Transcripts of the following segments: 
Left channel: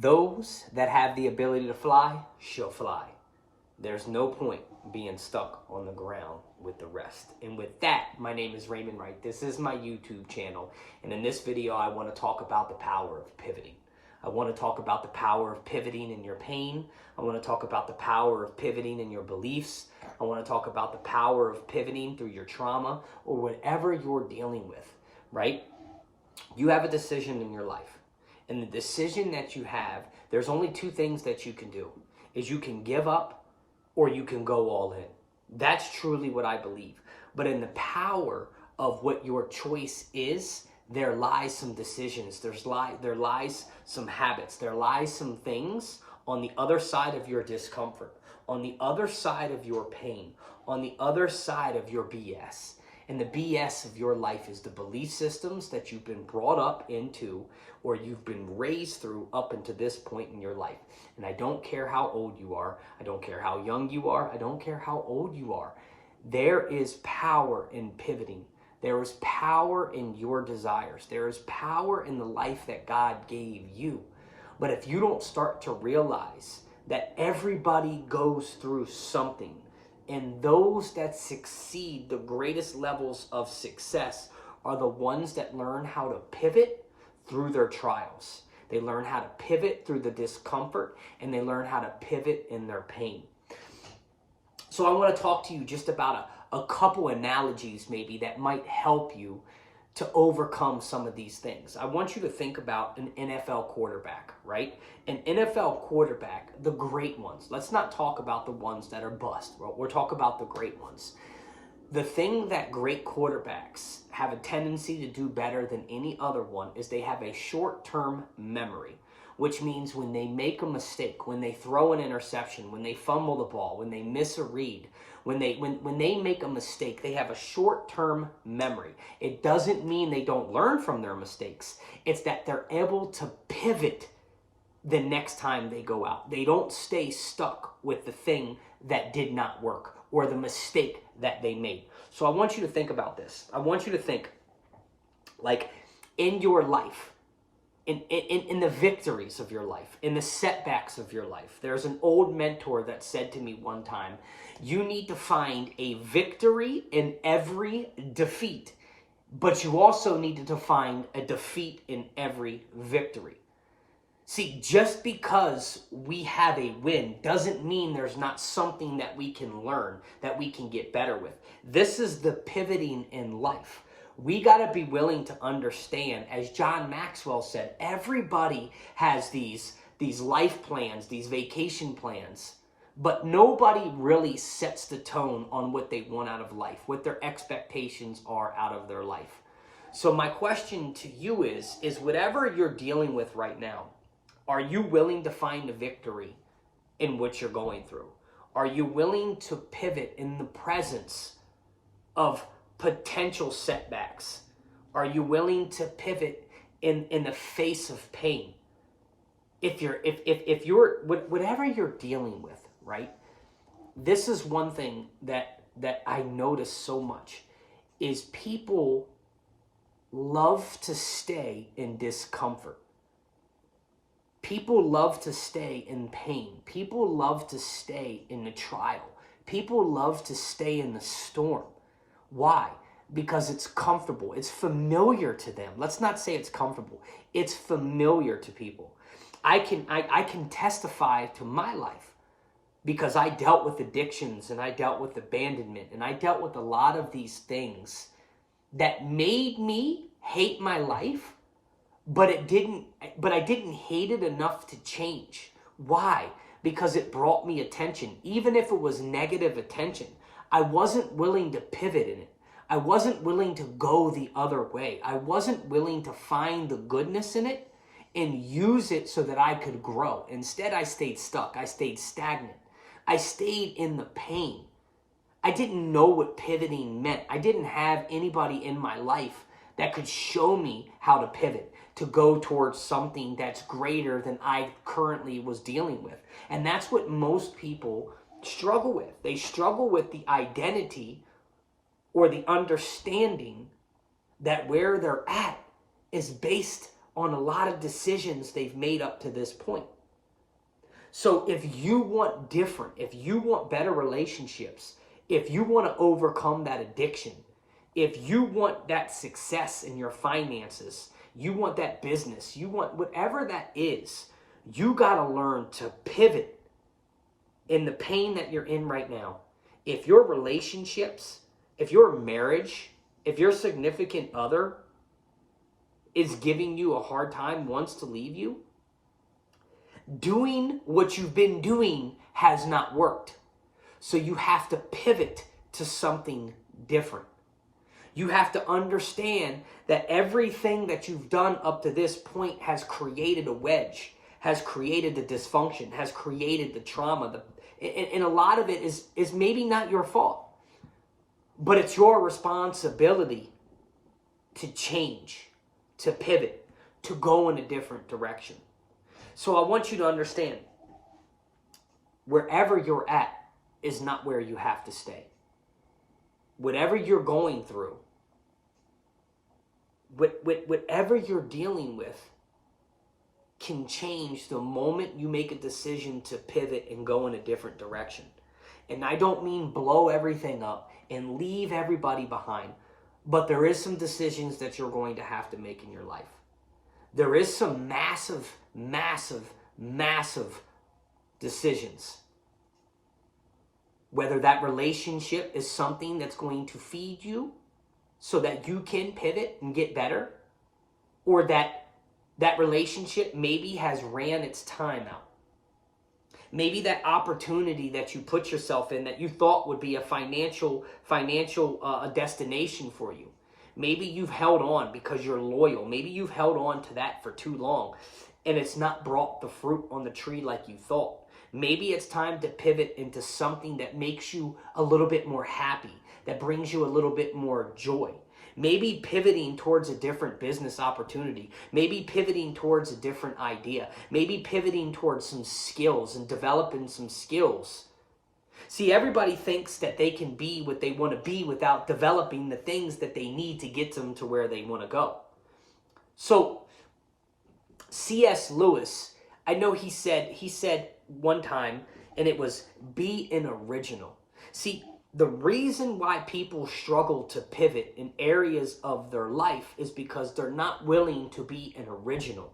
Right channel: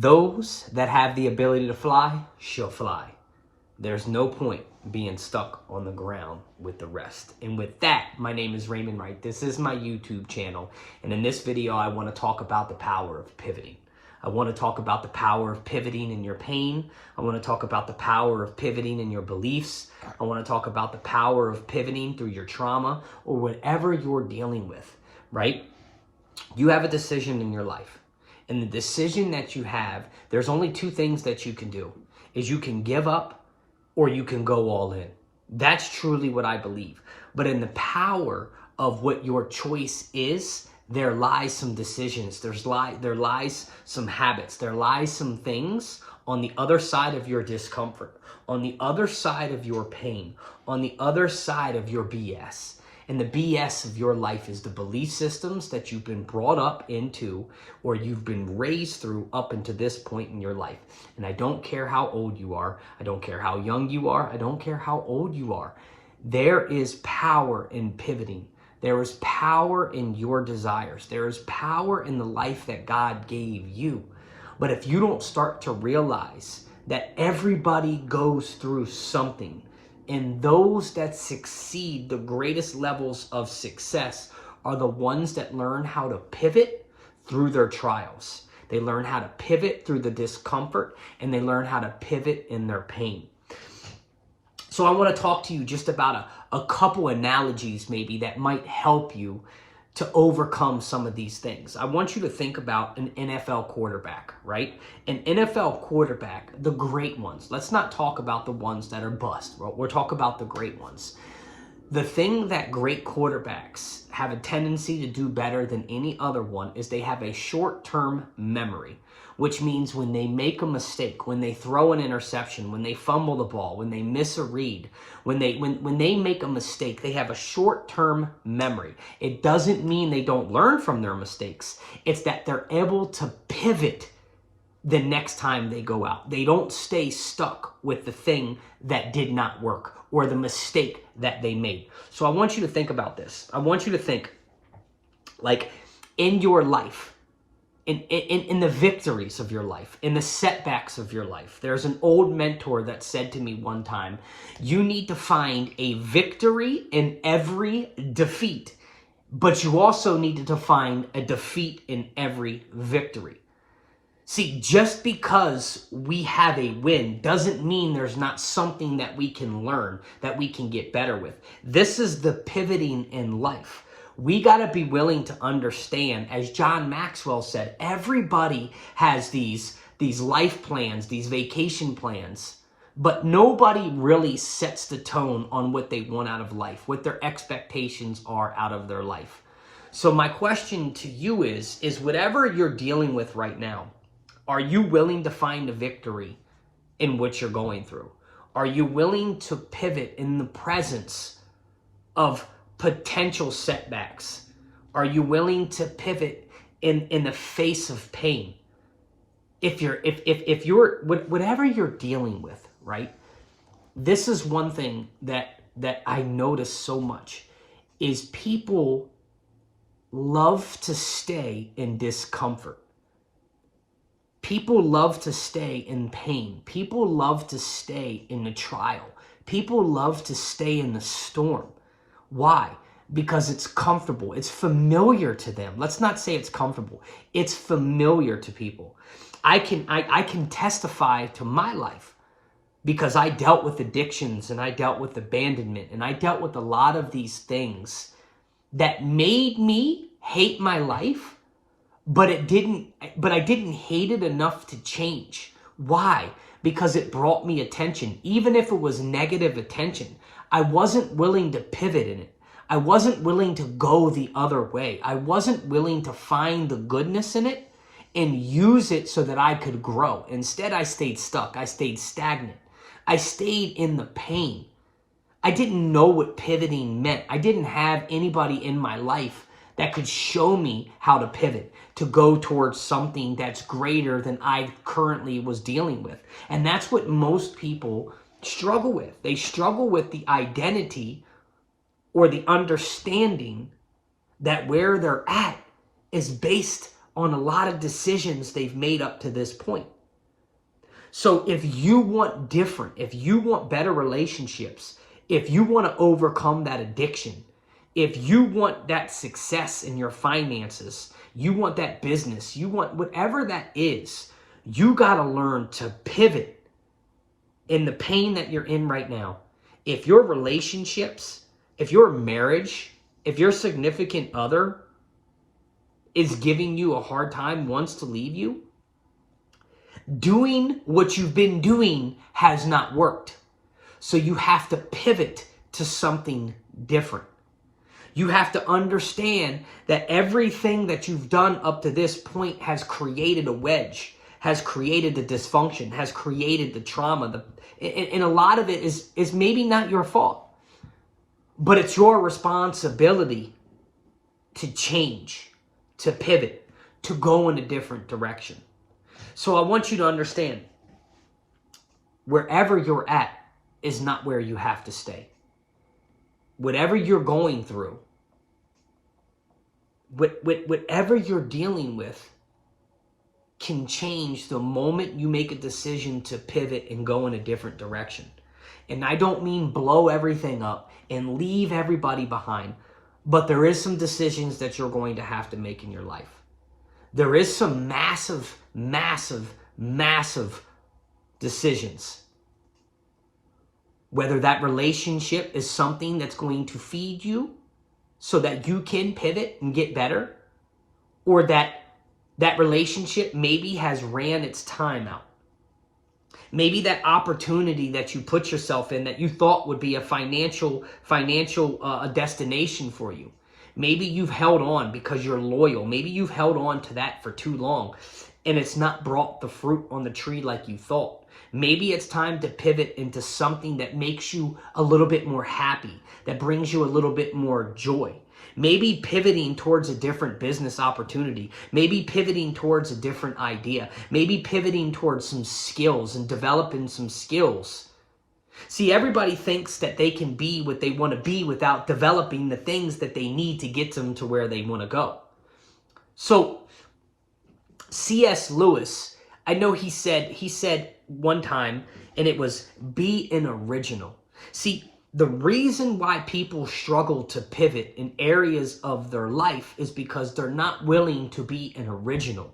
Those that have the ability to fly shall fly. There's no point being stuck on the ground with the rest. And with that, my name is Raymond Wright. This is my YouTube channel. And in this video, I want to talk about the power of pivoting. I want to talk about the power of pivoting in your pain. I want to talk about the power of pivoting in your beliefs. I want to talk about the power of pivoting through your trauma or whatever you're dealing with, right? You have a decision in your life. And the decision that you have, there's only two things that you can do. Is you can give up or you can go all in. That's truly what I believe. But in the power of what your choice is, there lies some decisions. There lies some habits. There lies some things on the other side of your discomfort, on the other side of your pain, on the other side of your BS. And the BS of your life is the belief systems that you've been brought up into or you've been raised through up into this point in your life. And I don't care how old you are. I don't care how young you are. I don't care how old you are. There is power in pivoting. There is power in your desires. There is power in the life that God gave you. But if you don't start to realize that everybody goes through something, and those that succeed, the greatest levels of success, are the ones that learn how to pivot through their trials. They learn how to pivot through the discomfort, and they learn how to pivot in their pain. So I want to talk to you just about a couple analogies maybe that might help you to overcome some of these things. I want you to think about an NFL quarterback, right? An NFL quarterback, the great ones. Let's not talk about the ones that are bust. We'll talk about the great ones. The thing that great quarterbacks have a tendency to do better than any other one is they have a short-term memory, which means when they make a mistake, when they throw an interception, when they fumble the ball, when they miss a read, when they make a mistake, they have a short-term memory. It doesn't mean they don't learn from their mistakes. It's that they're able to pivot the next time they go out. They don't stay stuck with the thing that did not work or the mistake that they made. So I want you to think about this. I want you to think like in your life, in the victories of your life, in the setbacks of your life. There's an old mentor that said to me one time, you need to find a victory in every defeat, but you also need to find a defeat in every victory. See, just because we have a win doesn't mean there's not something that we can learn, that we can get better with. This is the pivoting in life. We got to be willing to understand, as John Maxwell said, everybody has these life plans, these vacation plans, but nobody really sets the tone on what they want out of life, what their expectations are out of their life. So my question to you is whatever you're dealing with right now, are you willing to find a victory in what you're going through? Are you willing to pivot in the presence of potential setbacks? Are you willing to pivot in the face of pain? If you're whatever you're dealing with, right? This is one thing that I notice so much is people love to stay in discomfort. People love to stay in pain. People love to stay in the trial. People love to stay in the storm. Why? Because it's comfortable. It's familiar to them. Let's not say it's comfortable. It's familiar to people. I can testify to my life because I dealt with addictions and I dealt with abandonment and I dealt with a lot of these things that made me hate my life, but I didn't hate it enough to change. Why? Because it brought me attention. Even if it was negative attention, I wasn't willing to pivot in it. I wasn't willing to go the other way. I wasn't willing to find the goodness in it and use it so that I could grow. Instead, I stayed stuck. I stayed stagnant. I stayed in the pain. I didn't know what pivoting meant. I didn't have anybody in my life that could show me how to pivot, to go towards something that's greater than I currently was dealing with. And that's what most people struggle with. They struggle with the identity or the understanding that where they're at is based on a lot of decisions they've made up to this point. So if you want different, if you want better relationships, if you want to overcome that addiction, if you want that success in your finances, you want that business, you want whatever that is, you got to learn to pivot in the pain that you're in right now. If your relationships, if your marriage, if your significant other is giving you a hard time, wants to leave you, doing what you've been doing has not worked. So you have to pivot to something different. You have to understand that everything that you've done up to this point has created a wedge, has created the dysfunction, has created the trauma. And a lot of it is maybe not your fault, but it's your responsibility to change, to pivot, to go in a different direction. So I want you to understand, wherever you're at is not where you have to stay. Whatever you're going through, whatever you're dealing with can change the moment you make a decision to pivot and go in a different direction. And I don't mean blow everything up and leave everybody behind, but there is some decisions that you're going to have to make in your life. There is some massive, massive, massive decisions. Whether that relationship is something that's going to feed you so that you can pivot and get better, or that relationship maybe has ran its time out. Maybe that opportunity that you put yourself in that you thought would be a financial destination for you. Maybe you've held on because you're loyal. Maybe you've held on to that for too long and it's not brought the fruit on the tree like you thought. Maybe it's time to pivot into something that makes you a little bit more happy, that brings you a little bit more joy. Maybe pivoting towards a different business opportunity. Maybe pivoting towards a different idea. Maybe pivoting towards some skills and developing some skills. See, everybody thinks that they can be what they want to be without developing the things that they need to get them to where they want to go. So C.S. Lewis, I know he said one time, and it was, be an original. See, the reason why people struggle to pivot in areas of their life is because they're not willing to be an original.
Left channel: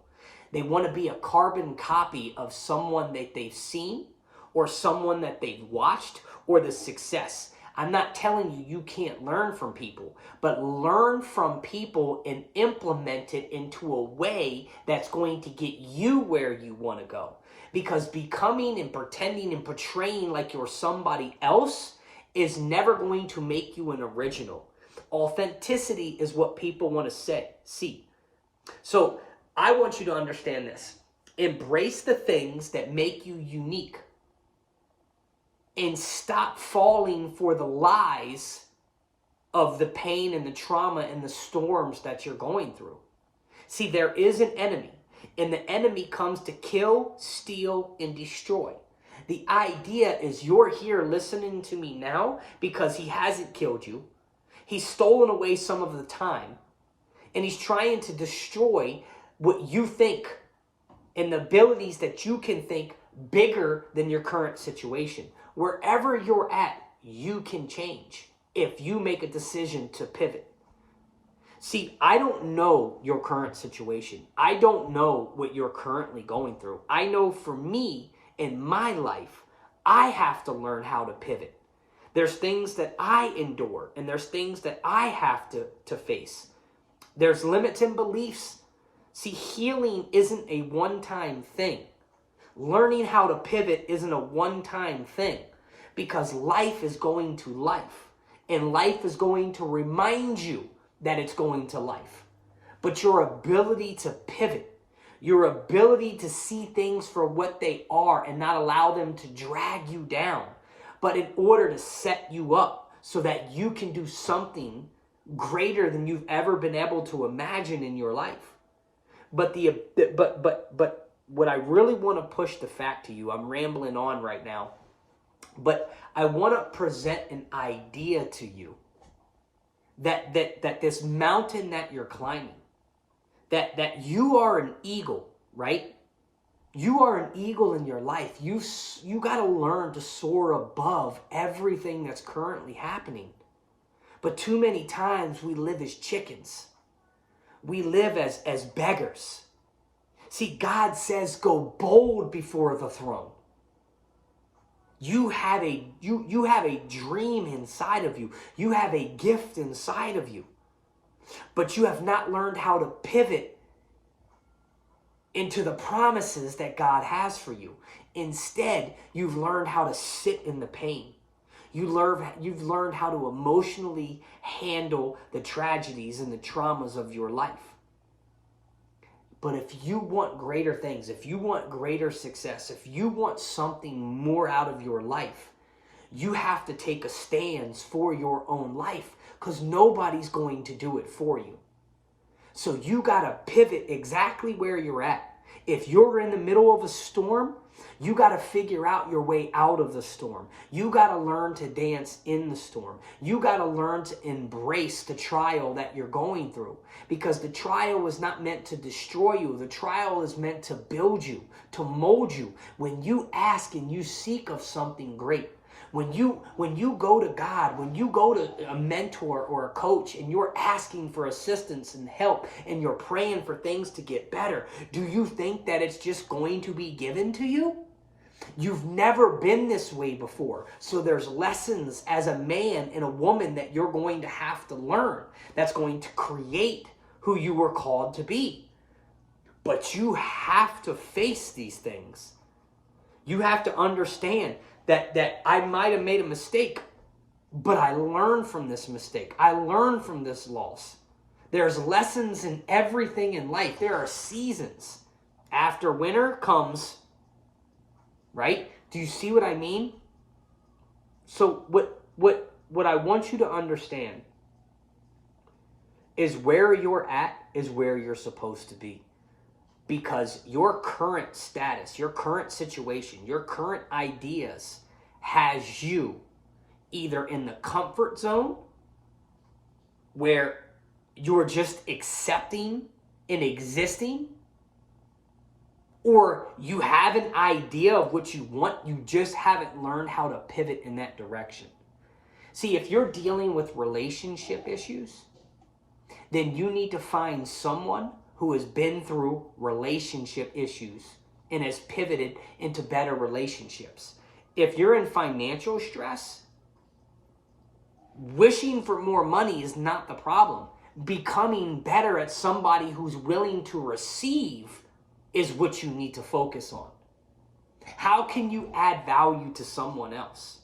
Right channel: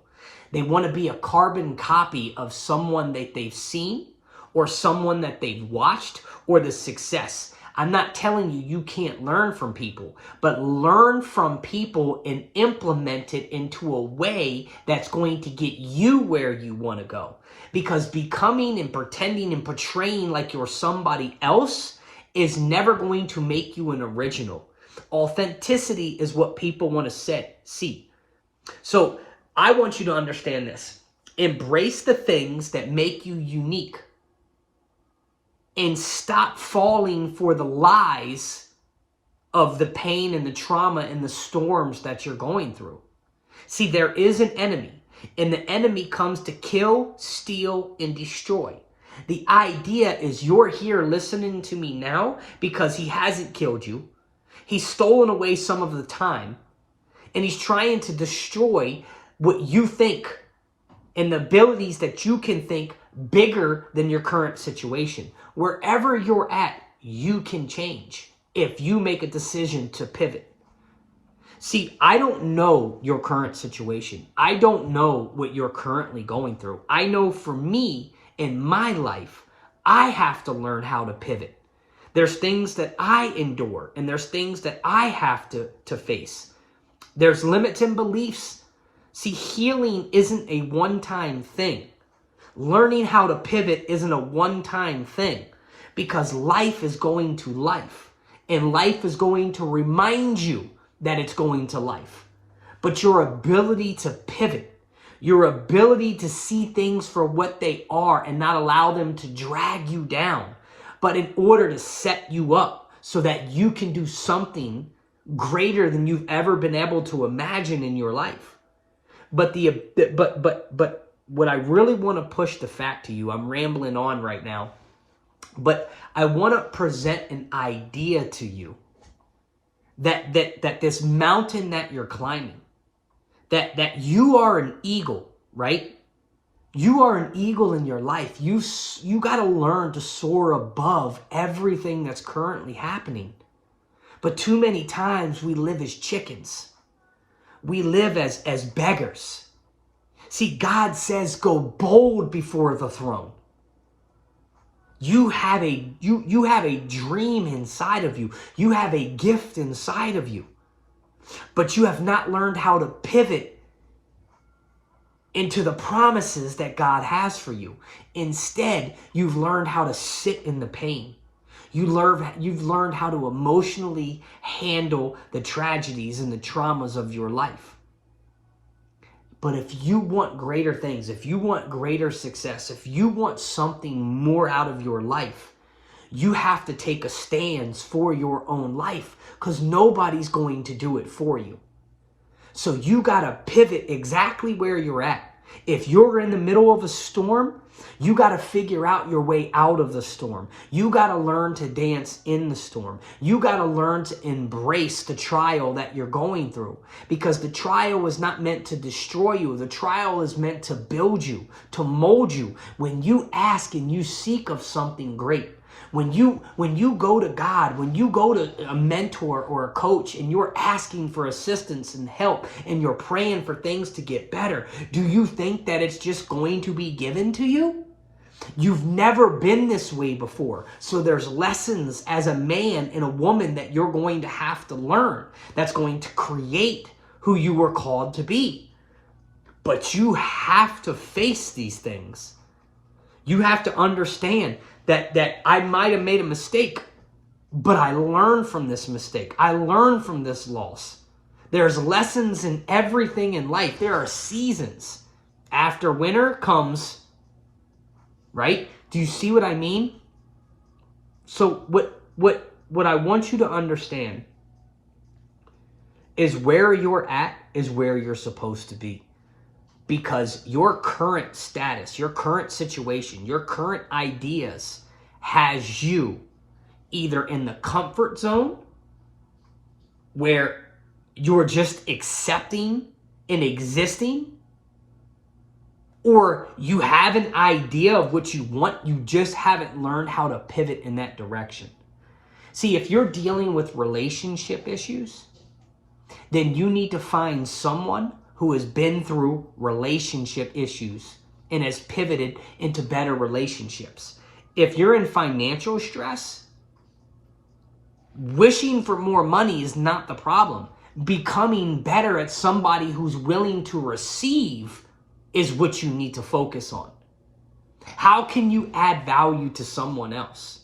They want to be a carbon copy of someone that they've seen or someone that they've watched or the success. I'm not telling you can't learn from people, but learn from people and implement it into a way that's going to get you where you want to go. Because becoming and pretending and portraying like you're somebody else is never going to make you an original. Authenticity is what people want to see. So I want you to understand this. Embrace the things that make you unique and stop falling for the lies of the pain and the trauma and the storms that you're going through. See, there is an enemy, and the enemy comes to kill, steal, and destroy. The idea is you're here listening to me now because he hasn't killed you. He's stolen away some of the time, and he's trying to destroy what you think and the abilities that you can think bigger than your current situation. Wherever you're at, you can change if you make a decision to pivot. See, I don't know your current situation. I don't know what you're currently going through. I know for me, in my life, I have to learn how to pivot. There's things that I endure, and there's things that I have to face. There's limits and beliefs. See, healing isn't a one-time thing. Learning how to pivot isn't a one-time thing, because life is going to life, and life is going to remind you that it's going to life. But your ability to pivot, your ability to see things for what they are and not allow them to drag you down, but in order to set you up so that you can do something greater than you've ever been able to imagine in your life. But what I really want to push the fact to you, I'm rambling on right now, but I want to present an idea to you that this mountain that you're climbing, that you are an eagle, right? You are an eagle in your life. You got to learn to soar above everything that's currently happening. But too many times we live as chickens. We live as beggars. See, God says go bold before the throne. You have a dream inside of you. You have a gift inside of you. But you have not learned how to pivot into the promises that God has for you. Instead, you've learned how to sit in the pain. You've learned how to emotionally handle the tragedies and the traumas of your life. But if you want greater things, if you want greater success, if you want something more out of your life, you have to take a stance for your own life, because nobody's going to do it for you. So you got to pivot exactly where you're at. If you're in the middle of a storm, you got to figure out your way out of the storm. You got to learn to dance in the storm. You got to learn to embrace the trial that you're going through, because the trial is not meant to destroy you. The trial is meant to build you, to mold you. When you ask and you seek of something great, when you go to God, when you go to a mentor or a coach and you're asking for assistance and help and you're praying for things to get better, do you think that it's just going to be given to you? You've never been this way before. So there's lessons as a man and a woman that you're going to have to learn that's going to create who you were called to be. But you have to face these things. You have to understand that I might have made a mistake, but I learned from this mistake. I learned from this loss. There's lessons in everything in life. There are seasons. After winter comes, right? Do you see what I mean? So what I want you to understand is where you're at is where you're supposed to be. Because your current status, your current situation, your current ideas has you either in the comfort zone where you're just accepting and existing, or you have an idea of what you want, you just haven't learned how to pivot in that direction. See, if you're dealing with relationship issues, then you need to find someone who has been through relationship issues and has pivoted into better relationships. If you're in financial stress, wishing for more money is not the problem. Becoming better at somebody who's willing to receive is what you need to focus on. How can you add value to someone else?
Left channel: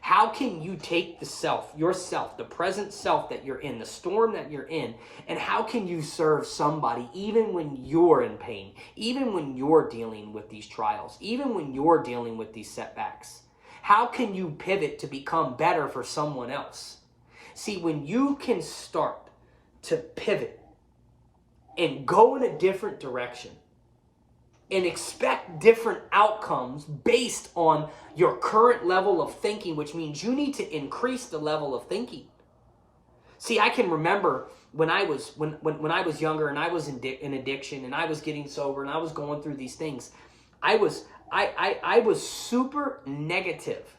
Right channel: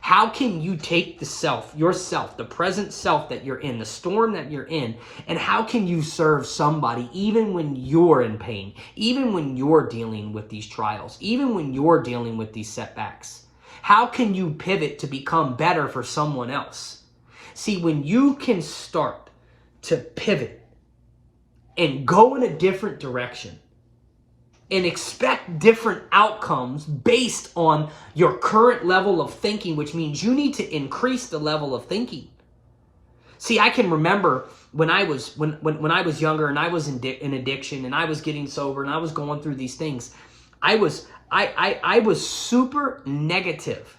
How can you take the self, yourself, the present self that you're in, the storm that you're in, and how can you serve somebody even when you're in pain, even when you're dealing with these trials, even when you're dealing with these setbacks? How can you pivot to become better for someone else? See, when you can start to pivot and go in a different direction, and expect different outcomes based on your current level of thinking, which means you need to increase the level of thinking. See, I can remember when I was younger and I was in addiction and I was getting sober and I was going through these things. I was super negative.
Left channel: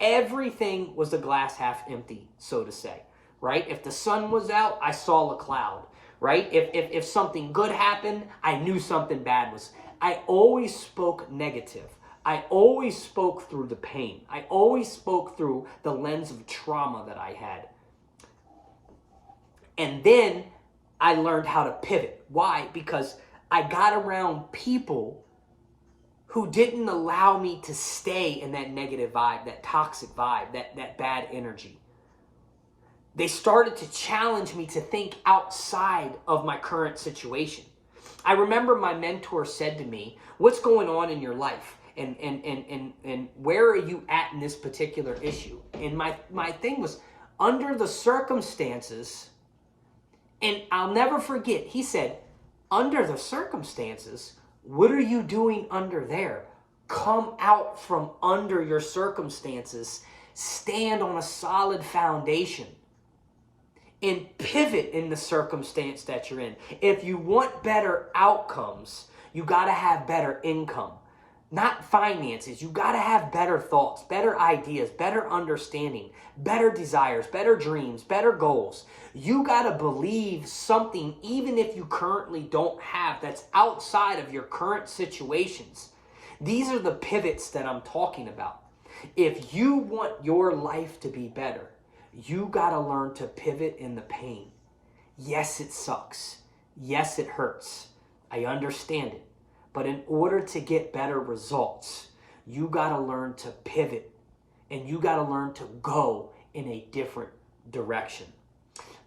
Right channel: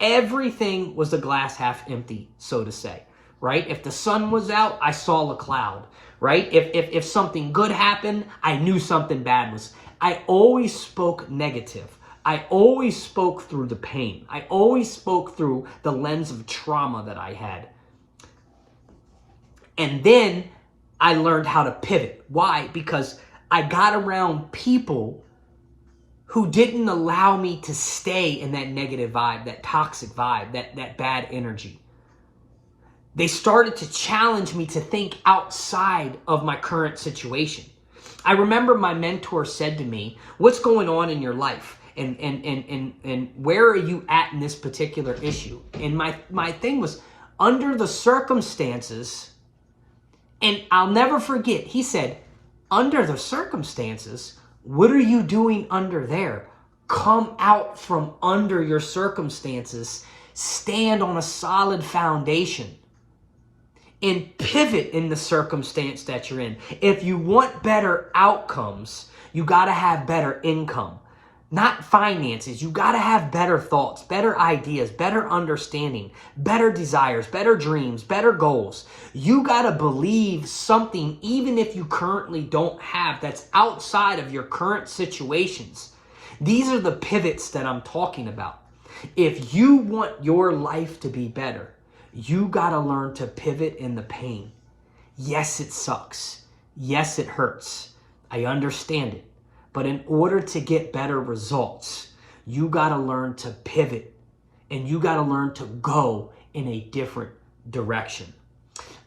Everything was the glass half empty, so to say, right? If the sun was out, I saw a cloud, right? If something good happened, I knew something bad was. I always spoke negative. I always spoke through the pain. I always spoke through the lens of trauma that I had. And then I learned how to pivot. Why? Because I got around people who didn't allow me to stay in that negative vibe, that toxic vibe, that bad energy. They started to challenge me to think outside of my current situation. I remember my mentor said to me, what's going on in your life? And where are you at in this particular issue? And my thing was, under the circumstances, and I'll never forget, he said, under the circumstances, what are you doing under there? Come out from under your circumstances. Stand on a solid foundation. and pivot in the circumstance that you're in. If you want better outcomes, you got to have better income. Not finances. You got to have better thoughts, better ideas, better understanding, better desires, better dreams, better goals. You got to believe something even if you currently don't have, that's outside of your current situations. These are the pivots that I'm talking about. If you want your life to be better, you got to learn to pivot in the pain. Yes, it sucks. Yes, it hurts. I understand it. But in order to get better results, you got to learn to pivot, and you got to learn to go in a different direction.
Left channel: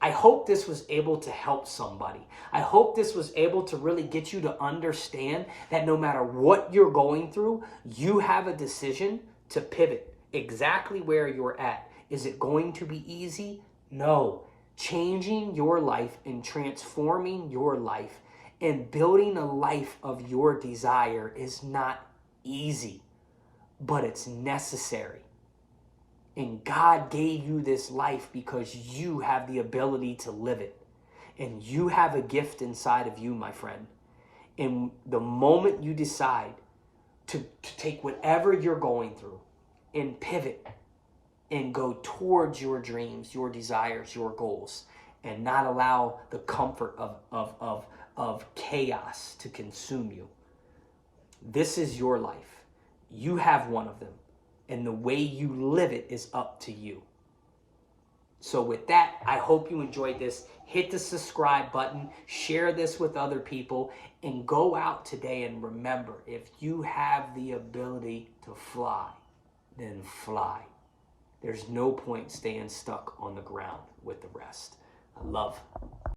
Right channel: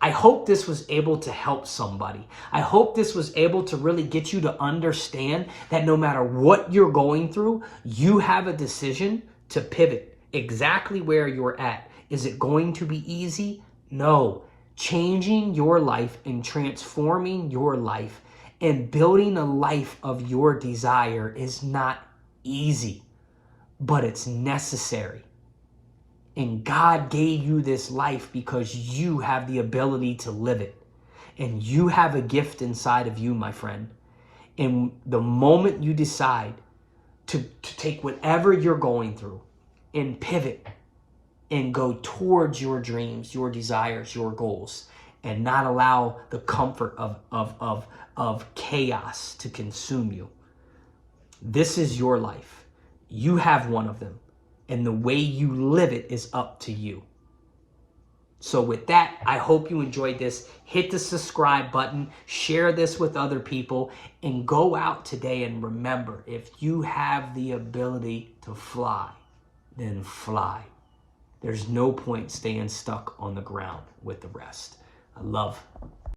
I hope this was able to help somebody. I hope this was able to really get you to understand that no matter what you're going through, you have a decision to pivot exactly where you're at. Is it going to be easy? No. Changing your life and transforming your life and building a life of your desire is not easy, but it's necessary. And God gave you this life because you have the ability to live it. And you have a gift inside of you, my friend. And the moment you decide to take whatever you're going through and pivot and go towards your dreams, your desires, your goals, and not allow the comfort of chaos to consume you. This is your life. You have one of them. And the way you live it is up to you. So with that, I hope you enjoyed this. Hit the subscribe button, share this with other people, and go out today and remember, if you have the ability to fly, then fly. There's no point staying stuck on the ground with the rest. I love